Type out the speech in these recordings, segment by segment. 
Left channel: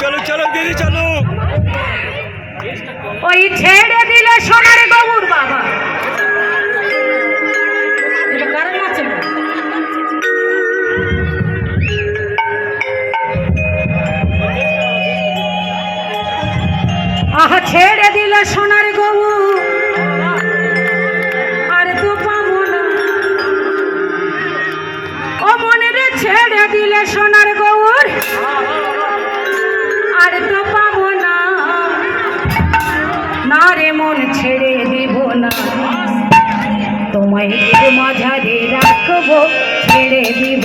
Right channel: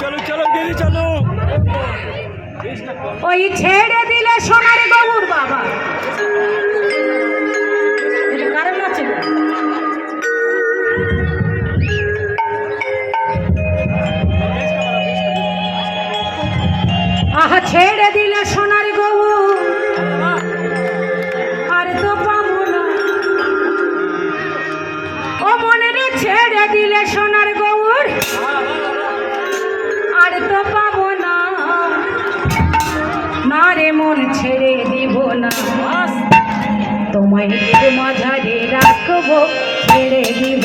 চলো চলো দিদি চলো ওই ছেড়ে দিলে সোনার গবুর বাবা। ছেড়ে দিল সোনা ছেড়ে দিব।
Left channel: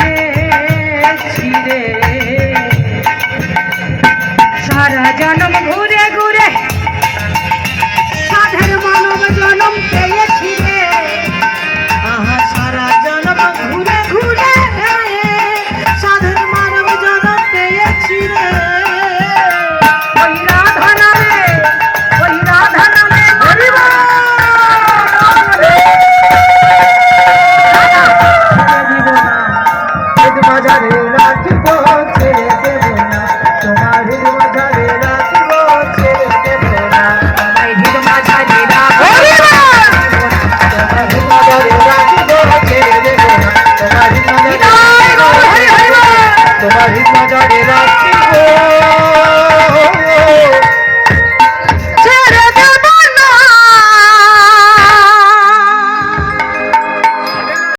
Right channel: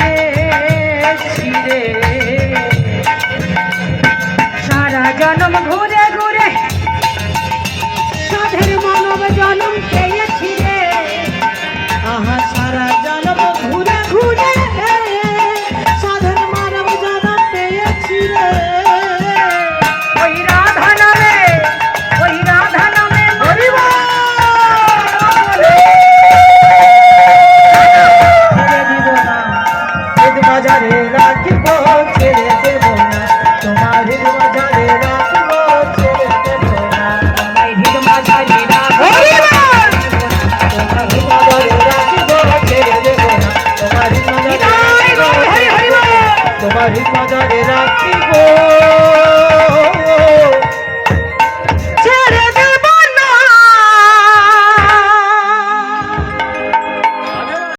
ਤੇਰਾ ਹੀ ਮਜਾ ਦੇ ਰਾਤੀ ਹੋ